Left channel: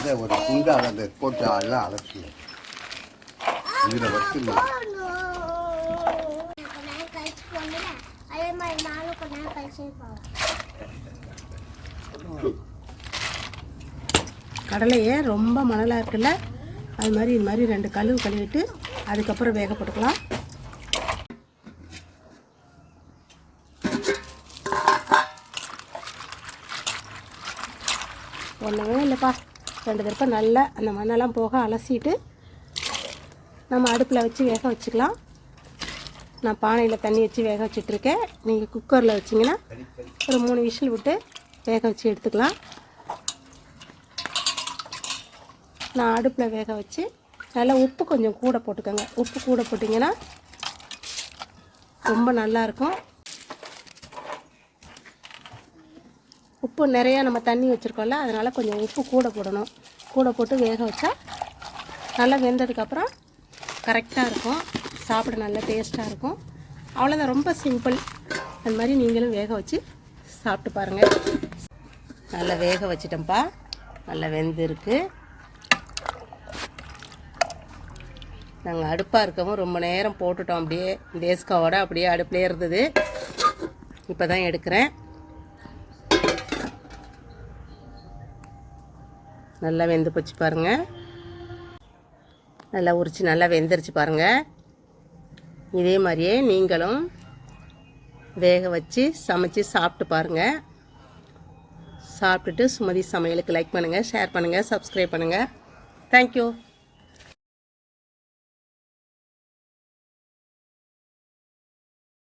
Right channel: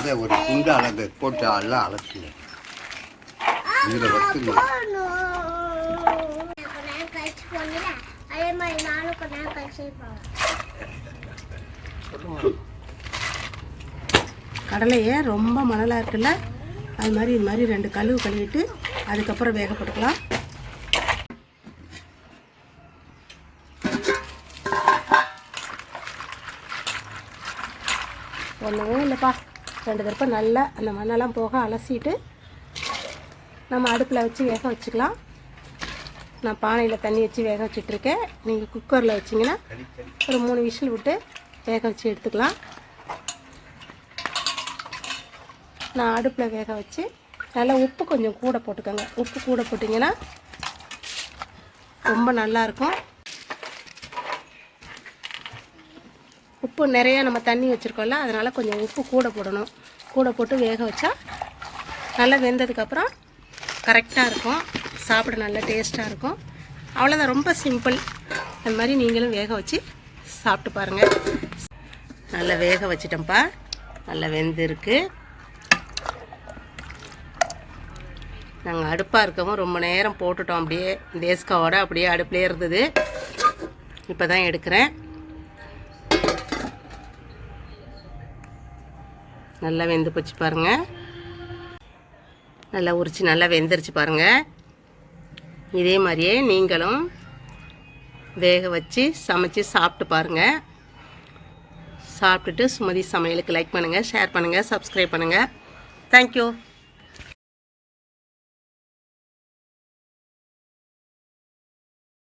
அதை ஒரு குண்டால் அதை போட்டு எல்லாம் அலசி இதில் வச்சு கடலையே ரொம்ப மணலாக இருக்குல்ல, அது மாதிரி இது மாதிரி 2 கழுவு கழுவிட்டு அதுக்கப்புறம் வேக போட்டுக்கலாம். ஒன்றுமே இல்லைப்பா, 2 தடவை நல்லா அந்த மண்ணெல்லாம் போக அலசிட்டு நம்ம அடுப்பில் வச்சு வேக வச்சுக்கலாம். நான் பானையில் தண்ணி வச்சு வேக வச்சிட்ருக்கேன். நீங்கள் குக்கரில் வச்சிங்கன்னா ஒரு 3 விசில் விட்டு வேக வச்சு எடுத்துக்கலாம். நான் அடுப்பில் வேக வச்சு நல்லா உப்பு கொஞ்சம் கூட போட்டுக்கோங்க. உப்பு கூட போட்டிங்கன்னா ரொம்ப நல்லாயிருக்கும். உப்பு நிறைய நம்ம தண்ணி வச்சுருக்கோம்ல, அதனால் கொஞ்சம் உப்பு கூட போடணும். கூட போட்டு வேக வச்சா நல்லா வெந்ததுக்கப்புறம் கரெக்டாக இருக்கும், சாப்பிட நல்லா டேஸ்ட்டாக இருக்கும். அவ்வளோதான், ரொம்ப சிம்பிள். அந்த மாதிரி நீங்களும் வேக வச்சு சாப்பிட்டு பாருங்கள். நல்லா வேக வச்சிட்டோம்ப்பா, நல்லா வெந்திருக்கு. நாங்கள் அடுப்பாக இருக்கவும் ரொம்ப நேரம் போட்டுட்டோம், அப்படியே தேஸ்காவோட அப்படியே அடுப்புலேயே இருந்தது. இப்போ தான் எடுக்கிறேன். நல்லா வெந்து போச்சு பாருங்கள், நல்லா உரிச்சு நல்லா வெந்துருச்சு பாருங்கள். இதே மாதிரியே நீங்களும் வேக வச்சு சமைச்சு சாப்பிட்டு பாருங்கள். சாப்பிட்டுட்டு சுமதி சமையலுக்கு லைக் பண்ணுங்கள், ஷேர் பண்ணுங்கள், சப்ஸ்கிரைப் பண்ணுங்கள். தேங்க்யூ.